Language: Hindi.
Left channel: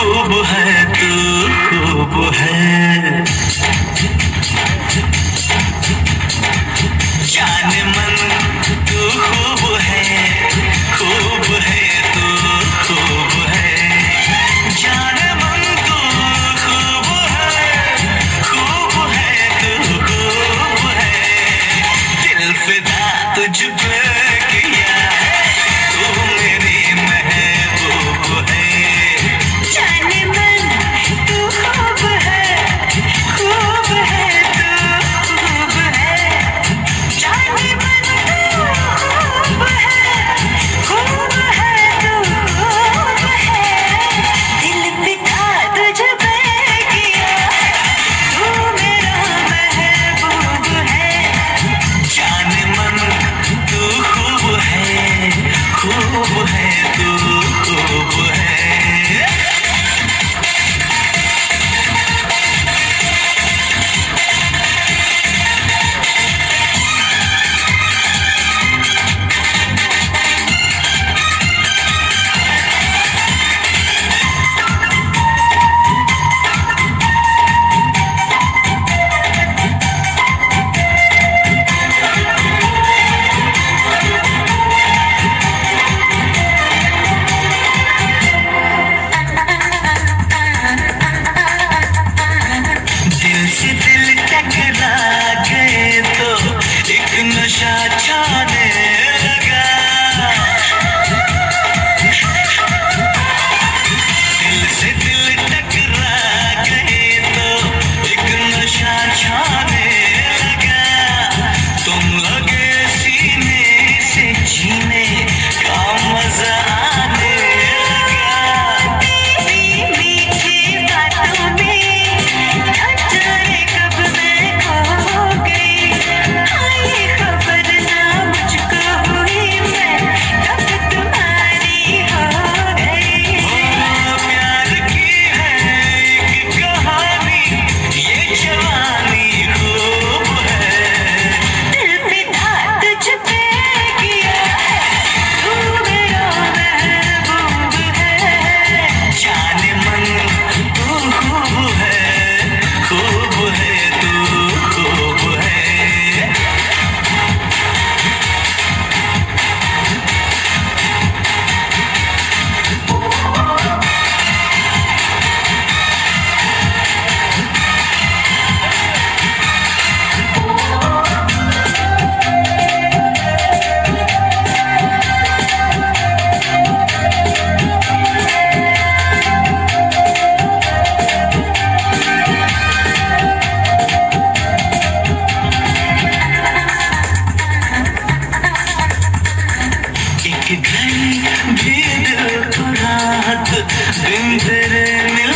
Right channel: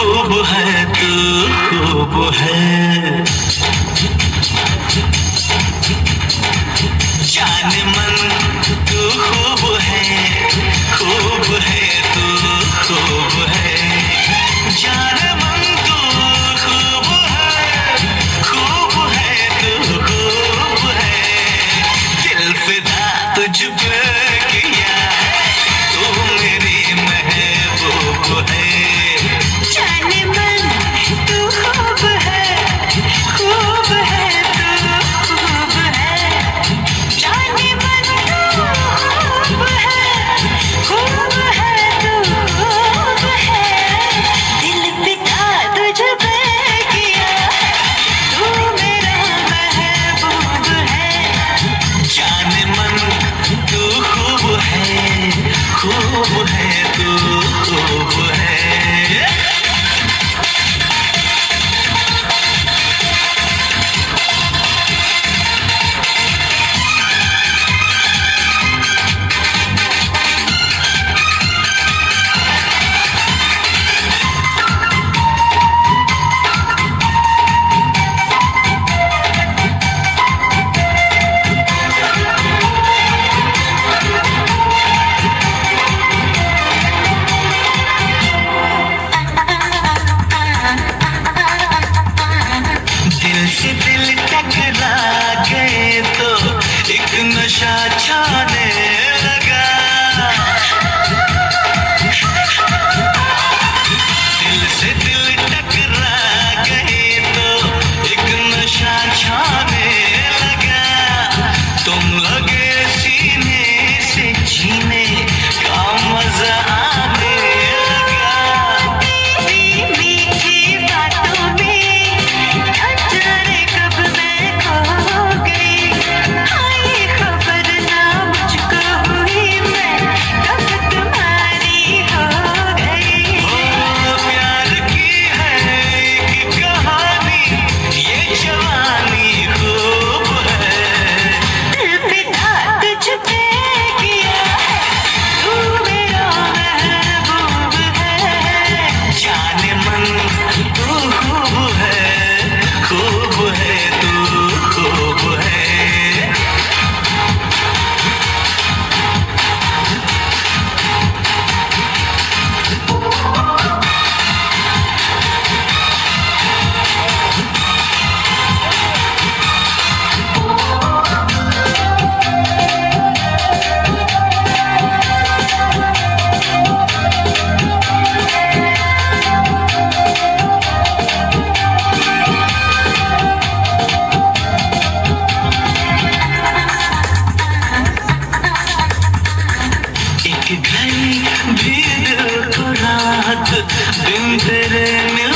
खूब है तू खूब है, जान मन तू खूब है तू खूब है, जान मन तू खूब है तू खूब है, दिल फिदा तुझ पे किया तू मेरी महबूब है, जान मन तू खूब है तू खूब है, जान मन तू खूब है तू खूब है, दिल फिदा तुझ पे किया तू मेरा महबूब है, जान मन तू खूब है तू खूब है। दिल से दिल टकरा गए तो एक नशा छाने लगा, दिल से दिल टकरा गए तो एक नशा छाने लगा, तुम लगे सीने से जीने का मजा आने लगा, मीठी बातों में एक घड़ी भी दिल को रात दिन तेरे मिल